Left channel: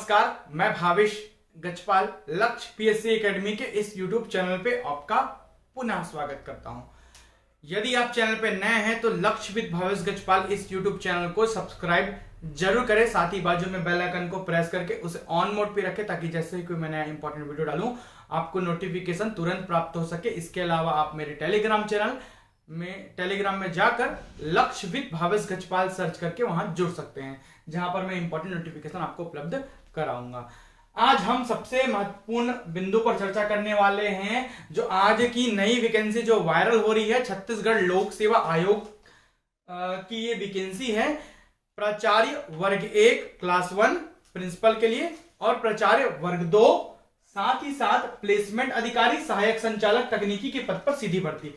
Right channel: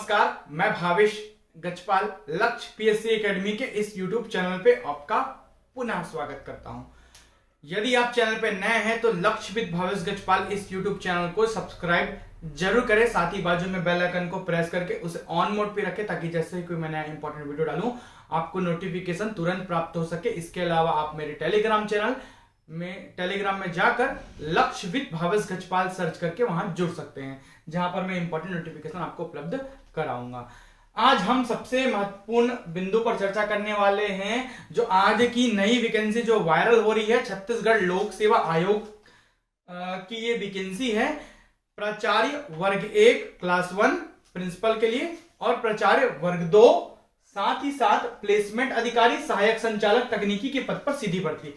नमस्कार, मैं भावेश गजपाल लक्ष्य पीएससी एकेडमी के इस यूट्यूब चैनल पे आपका पुनः स्वागत करता हूं। यदि आप चैनल पे नए हैं तो लक्ष्य विद भावेश गजपाल इस यूट्यूब चैनल को सब्सक्राइब जरूर करें, साथ ही बाजू में बेल आइकन को प्रेस करके उसे ऑन मोड पे रखें ताकि जैसे ही कोई मैं नया इंपॉर्टेंट वीडियो डालूं आपको नोटिफिकेशन तुरंत प्राप्त हो सके। इसके अलावा आप मेरे टेलीग्राम में जाकर लक्ष्य विद भावेश गजपाल सर्च करके वहां जुड़ सकते हैं, जहां पर मैं इंपॉर्टेंट नोटिफिकेशन आपको उपलब्ध कराऊंगा। आज हम सबसे महत्वपूर्ण बिंदु पर चर्चा करने वाले हैं, जो आज की नई वैकेंसी जो वायरल हो रही है, छत्तीसगढ़ लोक सेवा आयोग की ये वैकेंसी है प्राचार्य वर्ग 1 क्लास 1 प्रिंसिपल के लिए और प्राचार्य वर्ग 2, साथ ही साथ प्लेसमेंट अधिकारी सहायक संचालक तकनीकी के पद पर सीधी भर्ती।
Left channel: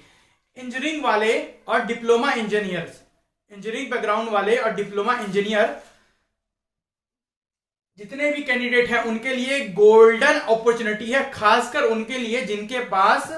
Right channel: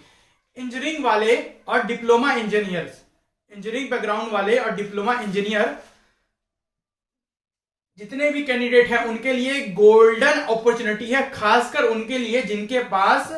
इंजीनियरिंग वाले और डिप्लोमा इंजीनियर्स, इंजीनियरिंग बैकग्राउंड वाले और डिप्लोमा इंजीनियर जितने भी कैंडिडेट हैं उनके लिए गोल्डन अपॉर्चुनिटी है, खासकर उनके लिए जिनके पास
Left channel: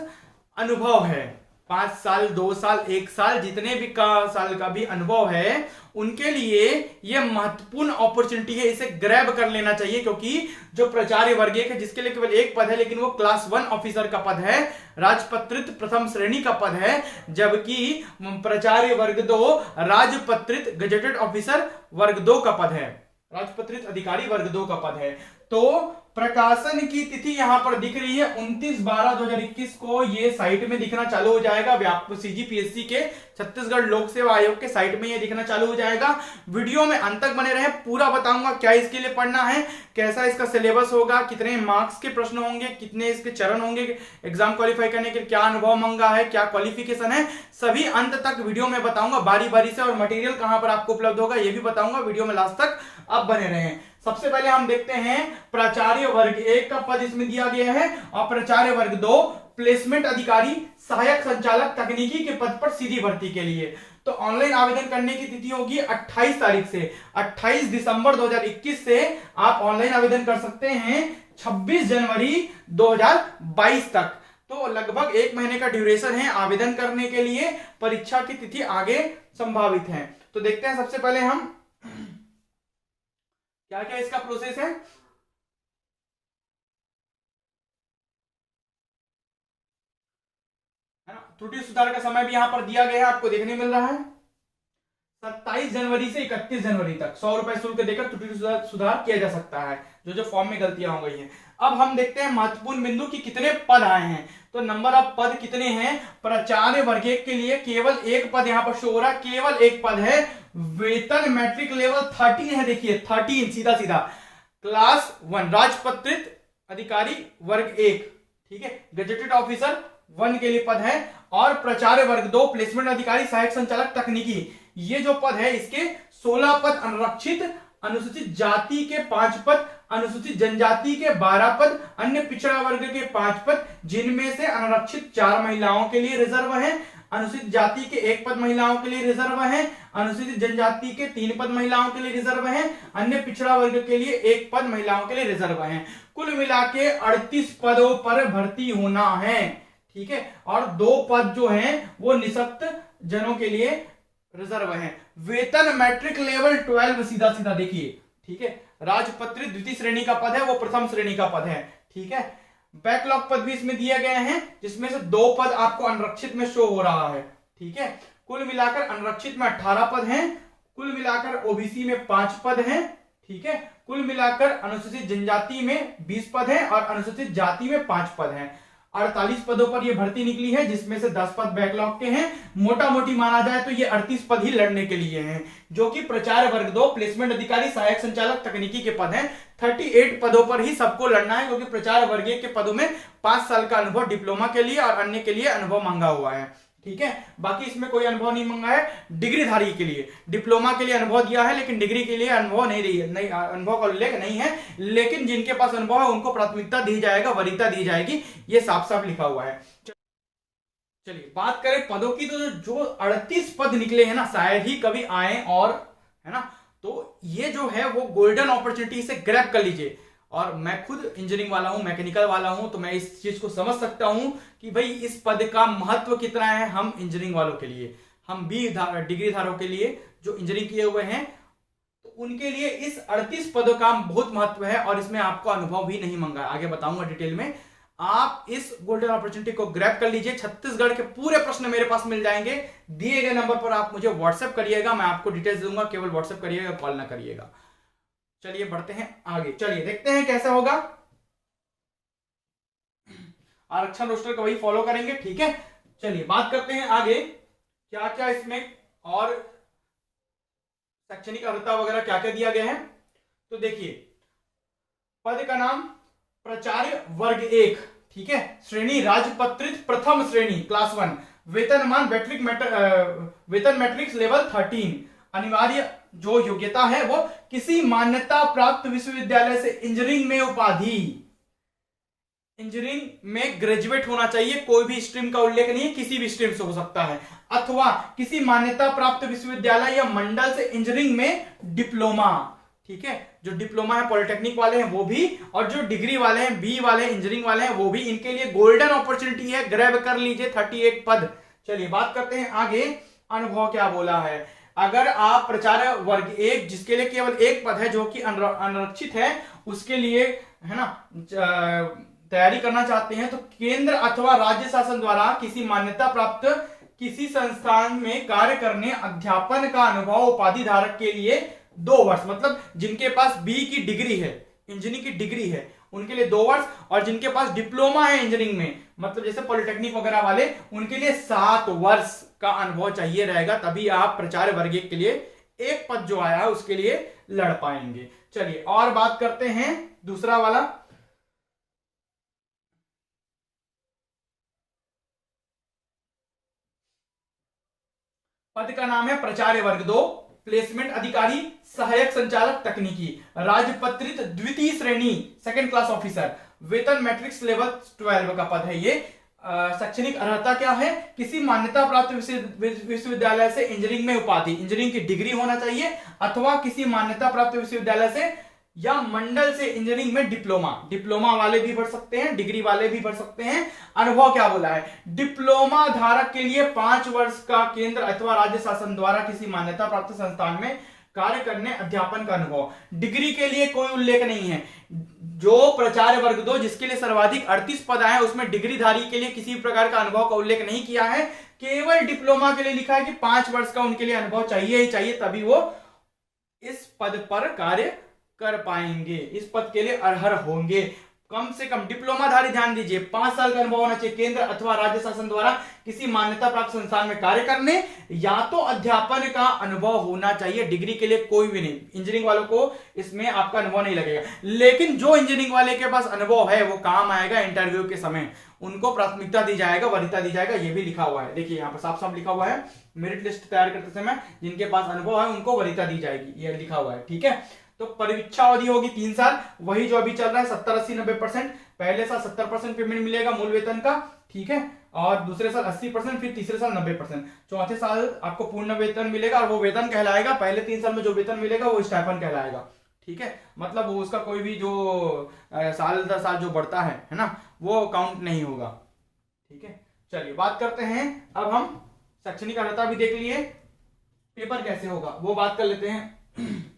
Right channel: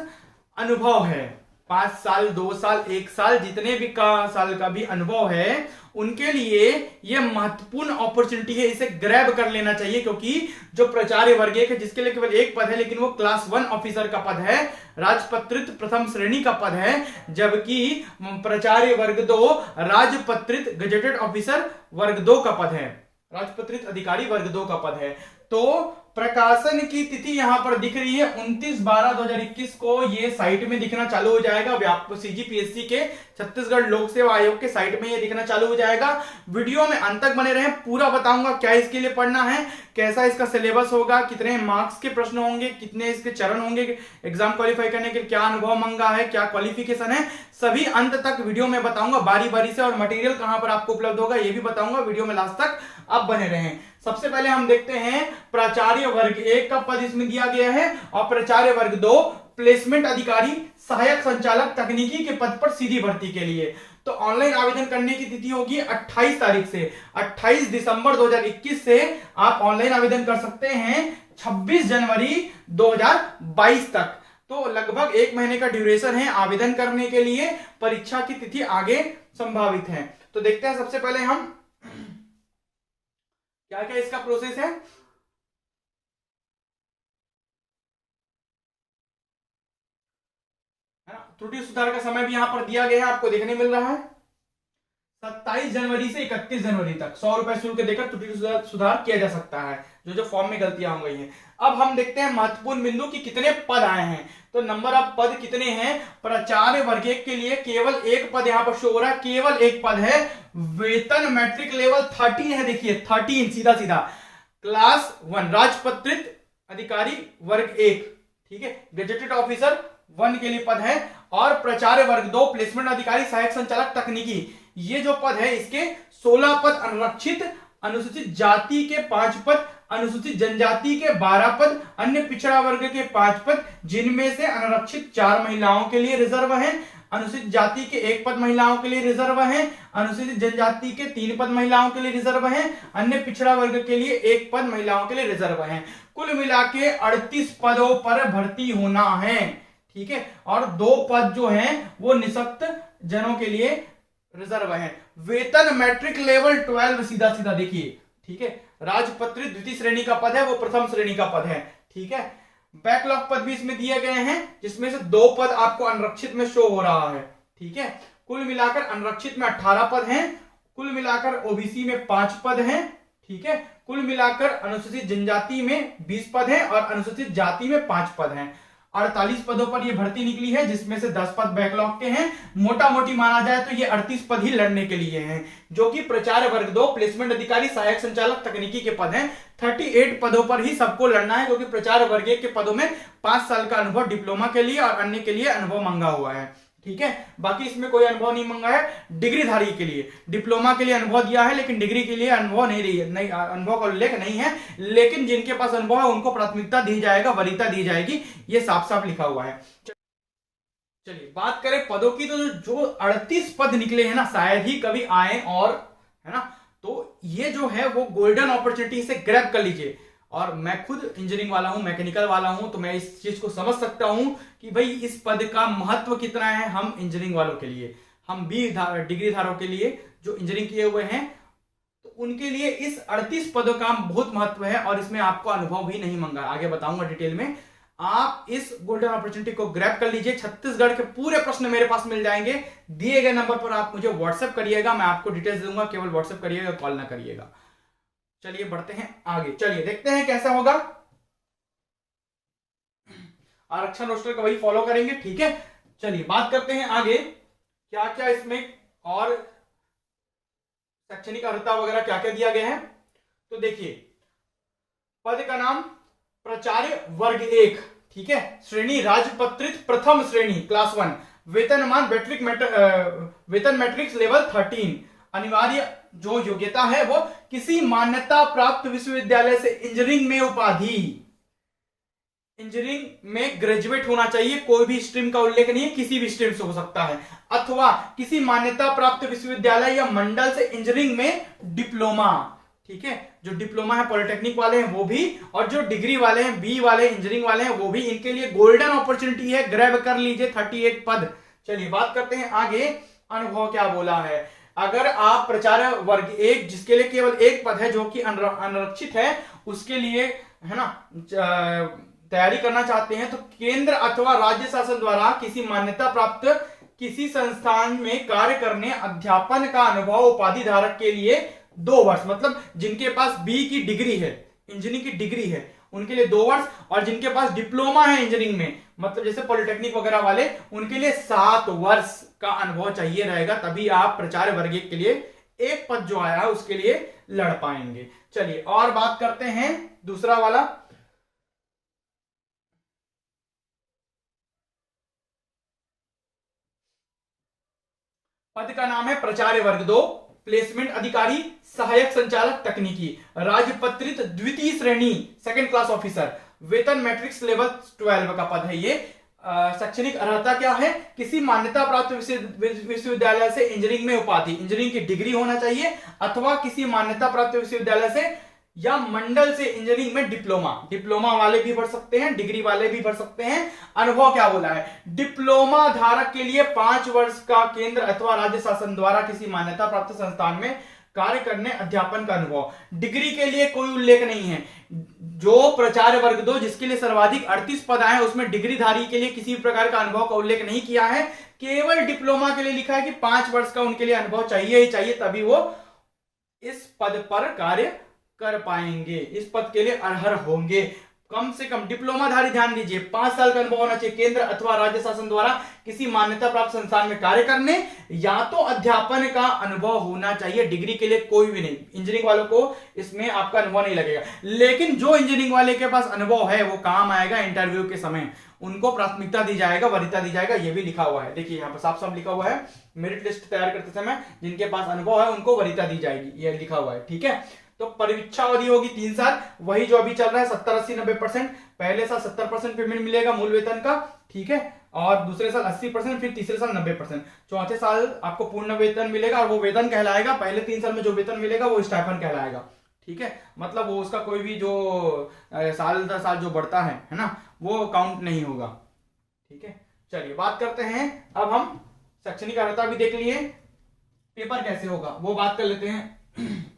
अनुभव है, 5 साल 2 साल 1 साल जितने भी साल का भी अनुभव है उनके लिए यह महत्वपूर्ण अपॉर्चुनिटी है। इसे ग्रैब कर लेना चाहिए, क्योंकि जो प्राचार्य वर्ग 1 है जिसके लिए केवल एक पद है, लेकिन वो क्लास 1 ऑफिसर का पद है, राजपत्रित प्रथम श्रेणी का पद है, जबकि प्राचार्य वर्ग 2 राजपत्रित गजेटेड ऑफिसर वर्ग 2 का पद है, राजपत्रित अधिकारी वर्ग 2 का पद है। तो प्रकाशन की तिथि यहां पर दिख रही है 29/12/2021 को ये साइट में दिखना चालू हो जाएगा। सीजीपीएससी के छत्तीसगढ़ लोक सेवा आयोग के साइट में ये दिखना चालू हो जाएगा। वीडियो में अंत तक बने रहे, पूरा बताऊंगा क्या इसके लिए पढ़ना है, कैसा इसका सिलेबस होगा, कितने मार्क्स के प्रश्न होंगे, कितने इसके चरण होंगे, एग्जाम क्वालिफाई करने के क्या अनुभव मांगा है, क्या क्वालिफिकेशन है, सभी अंत तक वीडियो में बताऊंगा बारी बारी से। और मटेरियल कहां पर आपको उपलब्ध होगा ये भी बताऊंगा, वीडियो में लास्ट तक आप बने रहें। सबसे पहले हम देखते हैं प्राचार्य वर्ग 1 का पद इसमें दिया गया है और प्राचार्य वर्ग 2 प्लेसमेंट अधिकारी सहायक संचालक तकनीकी के पद पर सीधी भर्ती के लिए। तो ऑनलाइन आवेदन करने की तिथि होगी 28 तारीख से, 28 दिसंबर 2021 से आप ऑनलाइन आवेदन कर सकते हैं 26 जनवरी 2022 तक। तो लगभग 1 महीने का ड्यूरेशन है आवेदन करने के लिए, परीक्षा की तिथि आगे संभावित है। तो देखते हैं सबसे पहले हम क्या क्या इसका प्रोसेस है। त्रुटि सुधार का समय भी यहां पर दिया गया है, आपको देखने मिल रहा है 27 जनवरी से 31 जनवरी तक 100 रुपए शुल्क देकर त्रुटि सुधार किया जा सकता है, जो फॉर्म में गलतियां हो गई हैं। अब हम देखते हैं महत्वपूर्ण बिंदु की कितने पद आए हैं। तो नंबर ऑफ पद कितने हैं, प्राचार्य वर्ग 1 के लिए केवल एक पद यहां पर शो हो रहा है, केवल एक पद है। वेतन मैट्रिक लेवल 13 है, देखिए 13 सीधा सीधा। क्लास 1 राजपत्रित अधिकारी वर्ग 1, ठीक है, गजेटेड ऑफिसर 1 के लिए पद है। और प्राचार्य वर्ग 2 प्लेसमेंट अधिकारी सहायक संचालक तकनीकी, ये जो पद है इसके 16 पद अनारक्षित, अनुसूचित जाति के 5 पद, अनुसूचित जनजाति के 12 पद, अन्य पिछड़ा वर्ग के 5 पद, जिनमें से अनारक्षित 4 महिलाओं के लिए रिजर्व है, अनुसूचित जाति के 1 पद महिलाओं के लिए रिजर्व है, अनुसूचित जनजाति के 3 पद महिलाओं के लिए रिजर्व है, अन्य पिछड़ा वर्ग के लिए 1 पद महिलाओं के लिए रिजर्व है। कुल मिला के 38 पदों पर भर्ती होना है, ठीक है। और 2 पद जो हैं वो निःशक्त जनों के लिए रिजर्व है। वेतन मैट्रिक लेवल 12 सीधा सीधा देखिए, ठीक है। राजपत्रित द्वितीय श्रेणी का पद है, वो प्रथम श्रेणी का पद है, ठीक है। बैकलॉग पद भी इसमें दिए गए हैं, जिसमें से 2 पद आपको अनरक्षित में शो हो रहा है, ठीक है। कुल मिलाकर अनरक्षित में 18 पद हैं, कुल मिलाकर ओबीसी में 5 पद हैं, ठीक है। कुल मिलाकर अनुसूचित जनजाति में 20 पद हैं और अनुसूचित जाति में 5 पद हैं। 48 पदों पर यह भर्ती निकली है, जिसमें से 10 पद बैकलॉग के हैं। मोटा मोटी माना जाए तो ये 38 पद ही लड़ने के लिए हैं, जो कि प्राचार्य वर्ग 2 प्लेसमेंट अधिकारी सहायक संचालक तकनीकी के पद हैं। 38 पदों पर ही सबको लड़ना है, क्योंकि प्राचार्य वर्ग 1 के पदों में 5 साल का अनुभव डिप्लोमा के लिए और अन्य के लिए अनुभव मांगा हुआ है, ठीक है। बाकी इसमें कोई अनुभव नहीं मांगा है। डिग्रीधारी के लिए डिप्लोमा के लिए अनुभव दिया है, लेकिन डिग्री के लिए अनुभव नहीं अनुभव का उल्लेख नहीं है, लेकिन जिनके पास अनुभव है उनको प्राथमिकता दी जाएगा, वरीयता दी जाएगी, ये साफ साफ लिखा हुआ है। चलिए बात करें पदों की, तो जो 38 पद निकले हैं ना, शायद ही कभी आए, और है ना, तो ये जो है वो गोल्डन अपॉर्चुनिटी से ग्रैब कर लीजिए। और मैं खुद इंजीनियरिंग वाला हूं, मैकेनिकल वाला हूं, तो मैं इस चीज को समझ सकता हूं कि भाई इस पद का महत्व कितना है हम इंजीनियरिंग वालों के लिए, हम भी डिग्री धारकों के लिए जो इंजीनियरिंग किए हुए हैं। तो उनके लिए इस 38 पदों का बहुत महत्व है और इसमें आपको अनुभव भी नहीं मांगा, आगे बताऊंगा डिटेल में। आप इस गोल्डन अपॉर्चुनिटी को ग्रैब कर लीजिए। छत्तीसगढ़ के पूरे प्रश्न मेरे पास मिल जाएंगे। दिए गए नंबर पर आप मुझे व्हाट्सएप करिएगा, मैं आपको डिटेल्स दूंगा, केवल व्हाट्सएप करिएगा, कॉल ना करिएगा। चलिए बढ़ते हैं आगे, चलिए देखते हैं कैसा होगा। आरक्षण रोस्टर का वही फॉलो करेंगे, ठीक है। चलिए बात करते हैं आगे, क्या क्या इसमें और शैक्षणिक अर्हता वगैरह क्या क्या दिया गया है। तो देखिए, पद का नाम प्राचार्य वर्ग 1, ठीक है, श्रेणी राजपत्रित प्रथम श्रेणी क्लास 1, वेतनमान वेतन मैट्रिक्स लेवल 13, अनिवार्य जो योग्यता है वो किसी मान्यता प्राप्त विश्वविद्यालय से इंजीनियरिंग में उपाधि, इंजीनियरिंग में ग्रेजुएट होना चाहिए, कोई भी स्ट्रीम का उल्लेख नहीं है, किसी भी स्ट्रीम से हो सकता है, अथवा किसी मान्यता प्राप्त विश्वविद्यालय या मंडल से इंजीनियरिंग में डिप्लोमा, ठीक है, जो डिप्लोमा है पॉलिटेक्निक वाले हैं वो भी, और जो डिग्री वाले हैं बी वाले इंजीनियरिंग वाले हैं वो भी, इनके लिए गोल्डन अपॉर्चुनिटी है, ग्रैब कर लीजिए 38 पद। चलिए बात करते हैं आगे, अनुभव क्या बोला है। अगर आप प्राचार्य वर्ग 1 जिसके लिए केवल एक पद है जो कि अनारक्षित है, उसके लिए है ना तैयारी करना चाहते हैं, तो केंद्र अथवा राज्य शासन द्वारा किसी मान्यता प्राप्त किसी संस्थान में कार्य करने अध्यापन का अनुभव उपाधि धारक के लिए 2 वर्ष, मतलब जिनके पास बी की डिग्री है, इंजीनियरिंग की डिग्री है, उनके लिए 2 वर्ष, और जिनके पास डिप्लोमा है इंजीनियरिंग में, मतलब जैसे पॉलिटेक्निक वगैरह वाले, उनके लिए 7 वर्ष का अनुभव चाहिए रहेगा, तभी आप प्राचार्य वर्ग के लिए एक पद जो आया है उसके लिए लड़ पाएंगे। चलिए और बात करते हैं दूसरा वाला, पद का नाम है प्राचार्य वर्ग 2, प्लेसमेंट अधिकारी, सहायक संचालक तकनीकी, राजपत्रित द्वितीय श्रेणी सेकंड क्लास ऑफिसर, वेतन मैट्रिक्स लेवल 12 का पद है ये। शैक्षणिक अर्हता क्या है, किसी मान्यता प्राप्त विश्वविद्यालय से इंजीनियरिंग में उपाधि, इंजीनियरिंग की डिग्री होना चाहिए, अथवा किसी मान्यता प्राप्त विश्वविद्यालय से या मंडल से इंजीनियरिंग में डिप्लोमा, डिप्लोमा वाले भी भर सकते हैं, डिग्री वाले भी भर सकते हैं। अनुभव क्या बोला है, डिप्लोमा धारक के लिए 5 वर्ष का केंद्र अथवा राज्य शासन द्वारा किसी मान्यता प्राप्त संस्थान में कार्य करने अध्यापन का अनुभव। डिग्री के लिए कोई उल्लेख नहीं है। जो प्राचार्य वर्ग 2 जिसके लिए सर्वाधिक 38 पद आए उसमें डिग्रीधारी के लिए किसी प्रकार का अनुभव का उल्लेख नहीं किया है, केवल डिप्लोमा के लिए लिखा है कि 5 वर्ष का उनके लिए अनुभव चाहिए ही चाहिए, तभी वो इस पद पर कार्य कर पाएंगे, इस पद के लिए अर्ह होंगे। कम से कम डिप्लोमाधारी, ध्यान दीजिए, 5 साल का अनुभव होना चाहिए, केंद्र अथवा राज्य शासन द्वारा किसी मान्यता प्राप्त संस्थान में कार्य करने, या तो अध्यापन का अनुभव होना चाहिए। डिग्री के लिए कोई भी नहीं, इंजीनियरिंग वालों को इसमें आपका अनुभव नहीं लगेगा, लेकिन जो इंजीनियरिंग वाले के पास अनुभव है वो काम आएगा इंटरव्यू के समय, उनको प्राथमिकता दी जाएगा, वरीयता दी जाएगा, ये भी लिखा हुआ है। देखिए यहाँ पर साफ साफ लिखा हुआ है, मेरिट लिस्ट तैयार करते समय जिनके पास अनुभव है उनको वरीयता दी जाएगी, ये लिखा हुआ है, ठीक है। तो परीक्षा अवधि होगी 3 साल, वही जो अभी चल रहा है 70, 80, 90%। पहले साल 70% पेमेंट मिलेगा मूल वेतन का, ठीक है, और दूसरे साल 80%, फिर तीसरे साल 90%, चौथे साल आपको पूर्ण वेतन मिलेगा, और वो वेतन कहलाएगा, पहले 3 साल में जो वेतन मिलेगा वो स्टाइपेंड कहलाएगा, ठीक है। मतलब वो उसका कोई भी जो साल दर साल जो बढ़ता है ना, वो काउंट नहीं होगा, ठीक है। चलिए बात करते हैं, अब हम शैक्षणिक अर्हता भी देख लिए, पेपर कैसे होगा वो बात कर लेते हैं।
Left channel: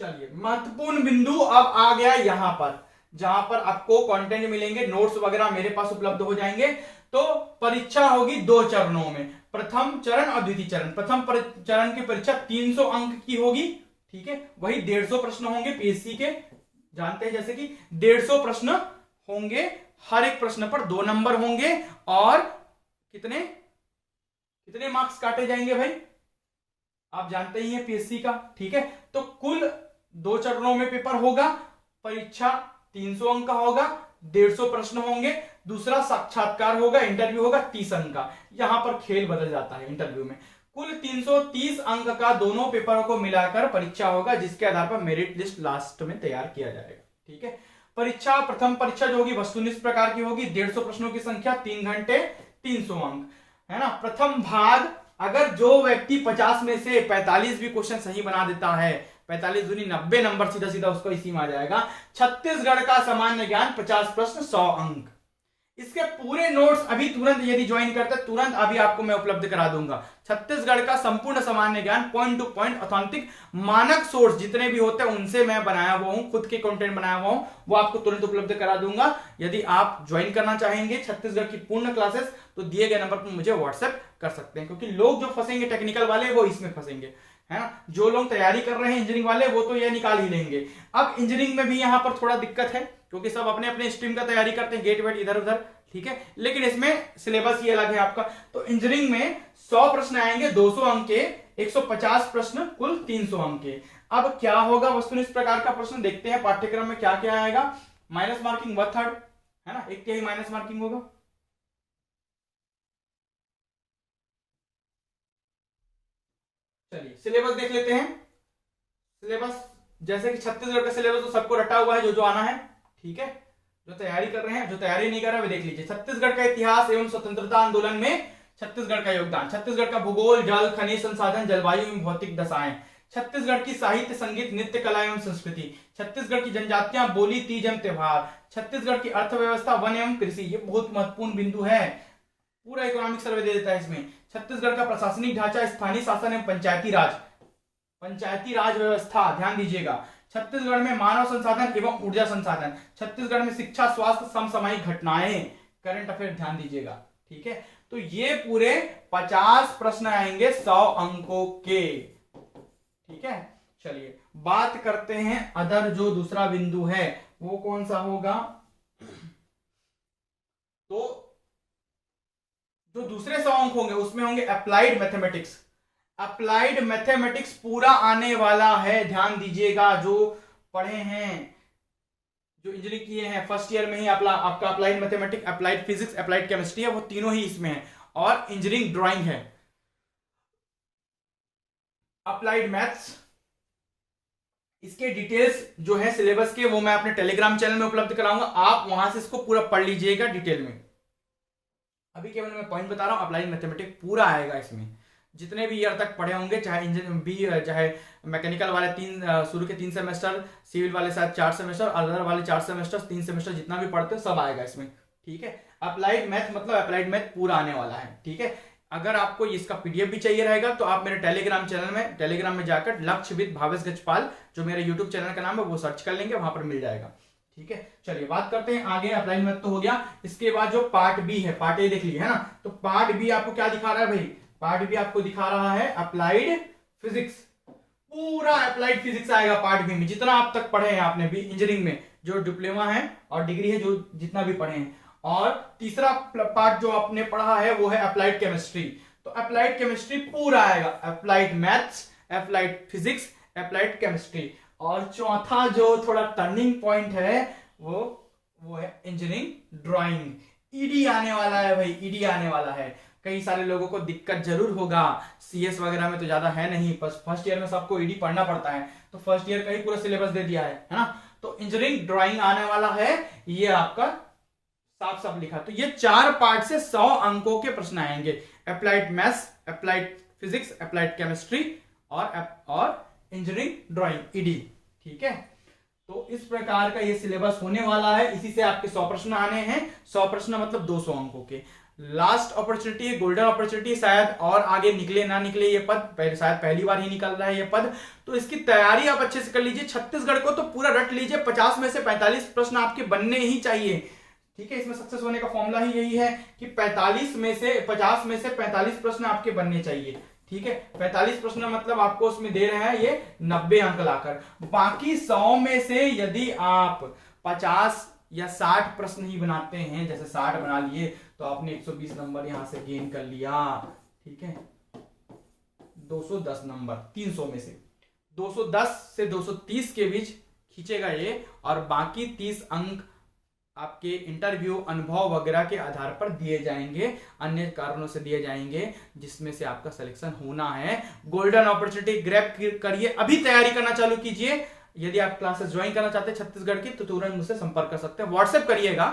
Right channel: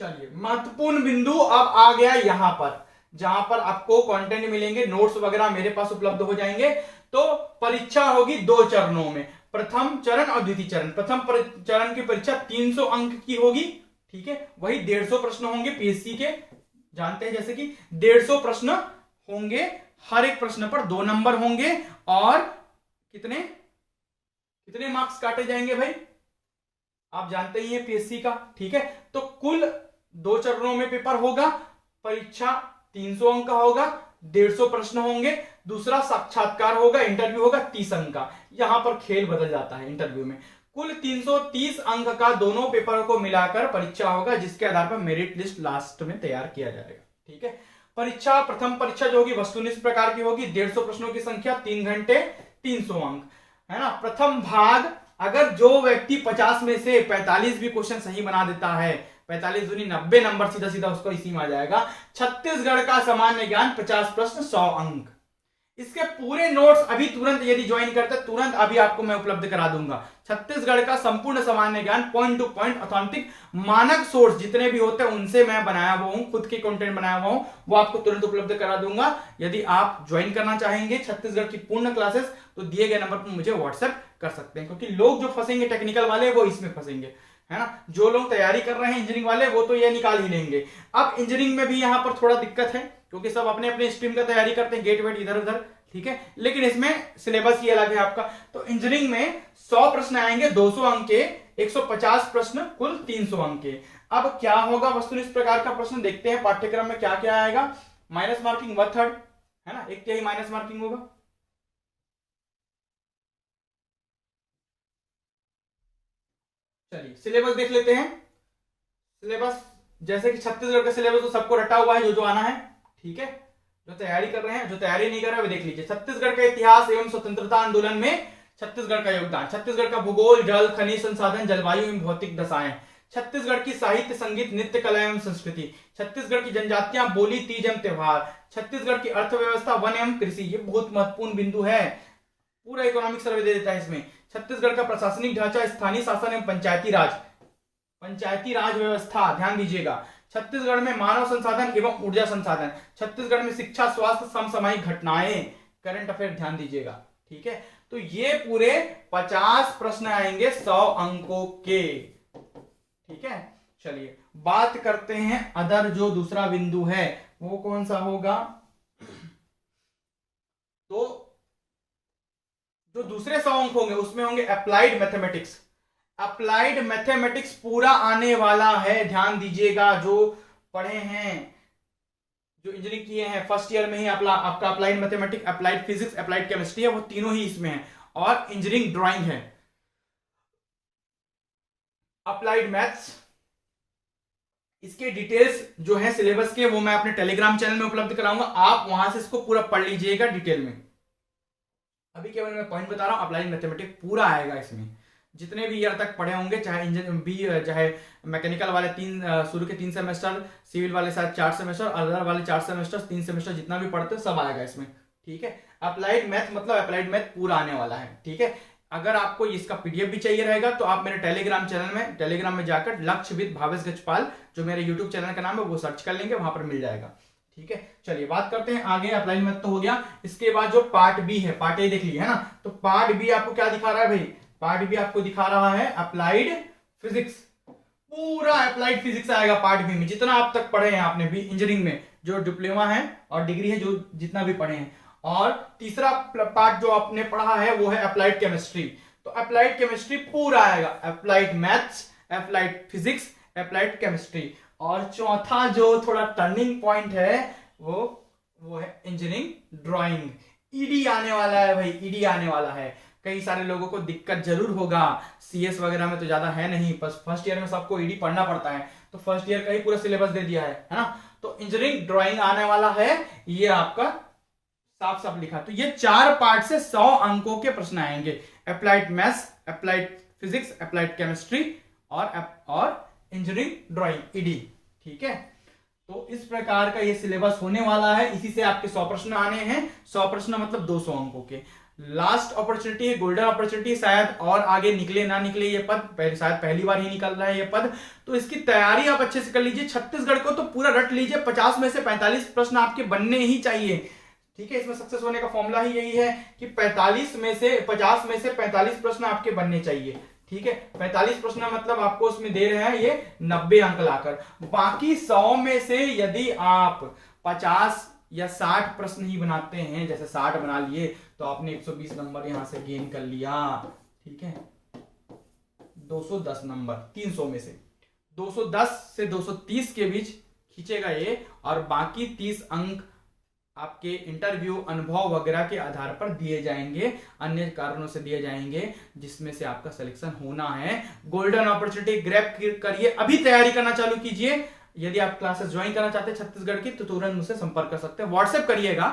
चलिए महत्वपूर्ण बिंदु अब आ गया यहां पर, जहां पर आपको कंटेंट मिलेंगे, नोट्स वगैरह मेरे पास उपलब्ध हो जाएंगे। तो परीक्षा होगी 2 चरणों में, प्रथम चरण और द्वितीय चरण। प्रथम चरण की परीक्षा 300 अंक की होगी, ठीक है, वही 150 प्रश्न होंगे पीएससी के, जानते हैं जैसे कि 150 प्रश्न होंगे, हर एक प्रश्न पर 2 नंबर होंगे, और कितने कितने मार्क्स काटे जाएंगे भाई, आप जानते ही हैं पीएससी का, ठीक है। तो कुल 2 चरणों में पेपर होगा, परीक्षा 300 अंक का होगा, 150 प्रश्न होंगे, दूसरा साक्षात्कार होगा, इंटरव्यू होगा 30 अंक का। यहां पर खेल बदल जाता है इंटरव्यू में। कुल 330 अंक का दोनों पेपरों को मिलाकर परीक्षा होगा, जिसके आधार पर मेरिट लिस्ट लास्ट में तैयार किया जाएगा, ठीक है। परीक्षा, प्रथम परीक्षा जो होगी वस्तुनिष्ठ प्रकार की होगी, 150 प्रश्नों की संख्या, 3 घंटे, 300 अंक, है ना। प्रथम भाग, अगर जो व्यक्ति 50 में से 45 भी क्वेश्चन सही बना देता है, 45 दूनी 90 नंबर सीधा सीधा उसको इसी में आ जाएगा। छत्तीसगढ़ का सामान्य ज्ञान 50 प्रश्न 100 अंक, इसके पूरे नोट्स अभी तुरंत यदि ज्वाइन करते तुरंत अभी आपको मैं उपलब्ध करा दूंगा। छत्तीसगढ़ का संपूर्ण सामान्य ज्ञान पॉइंट टू पॉइंट ऑथेंटिक मानक सोर्स जितने भी होते हैं उनसे मैं बनाया हुआ हूं, खुद के कंटेंट बनाया हुआ हूं, वो आपको तुरंत उपलब्ध करा दूंगा। यदि आप ज्वाइन करना चाहेंगे छत्तीसगढ़ की पूर्ण क्लासेस तो दिए गए नंबर पर मुझे व्हाट्सएप कर सकते हैं, क्योंकि लोग जो फंसेंगे टेक्निकल वाले वो इसमें फंसेंगे, है ना। जो लोग तैयारी कर रहे हैं इंजीनियरिंग वाले वो तो ये निकाल ही लेंगे। अब इंजीनियरिंग में भी यहाँ पर थोड़ा दिक्कत है, क्योंकि सब अपने अपने स्ट्रीम का तैयारी करते हैं, गेट वेट इधर उधर, ठीक है, लेकिन इसमें सिलेबस ही अलग है आपका। तो इंजीनियरिंग में 100 प्रश्न आएंगे 200 अंक के, 150 प्रश्न कुल 300 अंक के। अब क्या होगा वस्तुनिष्ठ इस प्रकार का प्रश्न, देखते हैं पाठ्यक्रम में क्या क्या आएगा। माइनस मार्किंग 1/3, है ना, एक ही माइनस मार्किंग होगा। चलिए सिलेबस देख लेते हैं। सिलेबस जैसे कि छत्तीसगढ़ का सिलेबस तो सबको रटा हुआ है, जो जो आना है, ठीक है। जो तैयारी कर रहे हैं, जो तैयारी नहीं कर रहे हैं वे देख लीजिए। छत्तीसगढ़ का इतिहास एवं स्वतंत्रता आंदोलन में छत्तीसगढ़ का योगदान, छत्तीसगढ़ का भूगोल, जल खनिज संसाधन, जलवायु एवं भौतिक दशाएं, छत्तीसगढ़ की साहित्य संगीत नृत्य कला एवं संस्कृति, छत्तीसगढ़ की जनजातियां बोली तीज एवं त्योहार, छत्तीसगढ़ की अर्थव्यवस्था वन एवं कृषि, ये बहुत महत्वपूर्ण बिंदु है, पूरा इकोनॉमिक सर्वे दे देता है इसमें। छत्तीसगढ़ का प्रशासनिक ढांचा, स्थानीय शासन एवं पंचायती राज व्यवस्था, ध्यान दीजिएगा। छत्तीसगढ़ में मानव संसाधन एवं ऊर्जा संसाधन, छत्तीसगढ़ में शिक्षा स्वास्थ्य समसामयिक घटनाएं, करंट अफेयर, ध्यान दीजिएगा, ठीक है। तो ये पूरे 50 प्रश्न आएंगे 100 अंकों के, ठीक है। चलिए बात करते हैं अदर, जो दूसरा बिंदु है वो कौन सा होगा। तो जो दूसरे 100 अंक होंगे उसमें होंगे अप्लाइड मैथमेटिक्स। अप्लाइड मैथमेटिक्स पूरा आने वाला है, ध्यान दीजिएगा। जो पढ़े हैं, जो इंजीनियरिंग किए हैं फर्स्ट ईयर में ही आपका applied mathematics, applied physics, applied chemistry है, वो तीनों ही इसमें है, और इंजीनियरिंग ड्राइंग है, अप्लाइड मैथ्स। इसके डिटेल्स जो है सिलेबस के वो मैं अपने टेलीग्राम चैनल में उपलब्ध कराऊंगा, आप वहां से इसको पूरा पढ़ लीजिएगा डिटेल में। अभी केवल मैं पॉइंट बता रहा हूं, अप्लाइड मैथमेटिक्स पूरा आएगा इसमें, जितने भी ईयर तक पढ़े होंगे, चाहे इंजीनियरिंग बी, चाहे मैकेनिकल वाले शुरू के 3 सेमेस्टर, सिविल वाले शायद 4 सेमेस्टर, अदर वाले 4 सेमेस्टर, 3 सेमेस्टर, जितना भी पढ़ते हैं सब आएगा इसमें, ठीक है। अप्लाइड मैथ मतलब अप्लाइड मैथ पूरा आने वाला है, ठीक है। अगर आपको इसका पीडीएफ भी चाहिए रहेगा तो आप मेरे टेलीग्राम में जाकर लक्ष्यविद भावेश गजपाल, जो मेरे यूट्यूब चैनल का नाम है, वो सर्च कर लेंगे, वहां पर मिल जाएगा, ठीक है। चलिए बात करते हैं आगे। अप्लाइड मैथ तो हो गया, इसके बाद जो पार्ट बी है, पार्ट ए देख लिए है ना, तो पार्ट बी आपको क्या दिखा रहा है भाई, पार्ट बी आपको दिखा रहा है अप्लाइड फिजिक्स, पूरा अप्लाइड फिजिक्स आएगा पार्ट बी में, जितना आप तक पढ़े हैं आपने भी इंजीनियरिंग में, जो डिप्लोमा है और डिग्री है, जो जितना भी पढ़े हैं। और तीसरा पार्ट जो आपने पढ़ा है वो है अप्लाइड केमिस्ट्री, तो अप्लाइड केमिस्ट्री पूरा आएगा, applied maths, applied physics, applied chemistry. और चौथा जो थोड़ा टर्निंग पॉइंट है वो है इंजीनियरिंग ड्राइंग। ईडी आने वाला है भाई, ईडी आने वाला है। कई सारे लोगों को दिक्कत जरूर होगा, सीएस वगैरह में तो ज्यादा है नहीं, बस फर्स्ट ईयर में सबको ईडी पढ़ना पड़ता है, तो फर्स्ट ईयर का ही पूरा सिलेबस दे दिया है ना। तो इंजीनियरिंग ड्राइंग आने वाला है, ये आपका साफ साफ लिखा। तो ये 4 पार्ट से 100 अंकों के प्रश्न आएंगे, applied maths, applied physics, applied chemistry और इंजीनियरिंग ड्राइंग, ईडी, ठीक है। तो इस प्रकार का ये सिलेबस होने वाला है, इसी से आपके 100 प्रश्न आने हैं। 100 प्रश्न मतलब 200 अंकों के। लास्ट अपॉर्चुनिटी है, गोल्डन अपॉर्चुनिटी, शायद और आगे निकले ना निकले ये पद, शायद पहली बार ही निकल रहा है ये पद, तो इसकी तैयारी आप अच्छे से कर लीजिए। छत्तीसगढ़ को तो पूरा रट लीजिए, 50 में से 45 प्रश्न आपके बनने ही चाहिए, ठीक है। इसमें सक्सेस होने का फॉर्मूला ही यही है कि 50 में से 45 प्रश्न आपके बनने चाहिए, ठीक है। 45 प्रश्न मतलब आपको उसमें दे रहे हैं ये 90 अंक लाकर। बाकी 100 में से यदि आप 50 या 60 प्रश्न ही बनाते हैं, जैसे 60 बना लिए तो आपने 120 नंबर यहां से गेन कर लिया, ठीक है। 210 नंबर 300 में से 210 से 230 के बीच खींचेगा ये, और बाकी 30 अंक आपके इंटरव्यू, अनुभव वगैरह के आधार पर दिए जाएंगे, अन्य कारणों से दिए जाएंगे, जिसमें से आपका सिलेक्शन होना है। गोल्डन अपॉर्चुनिटी ग्रैब करिए, अभी तैयारी करना चालू कीजिए। यदि आप क्लासेस ज्वाइन करना चाहते हैं छत्तीसगढ़ की तो तुरंत मुझसे संपर्क कर सकते हैं। व्हाट्सएप करिएगा,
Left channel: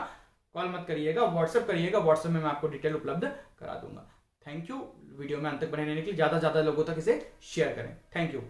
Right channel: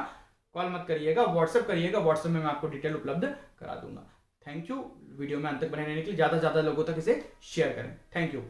कॉल मत करिएगा, व्हाट्सएप करिएगा, व्हाट्सएप में मैं आपको डिटेल उपलब्ध करा दूंगा। Thank you. वीडियो में अंत तक बने रहने के लिए ज्यादा से ज्यादा लोगों तक इसे शेयर करें। Thank you.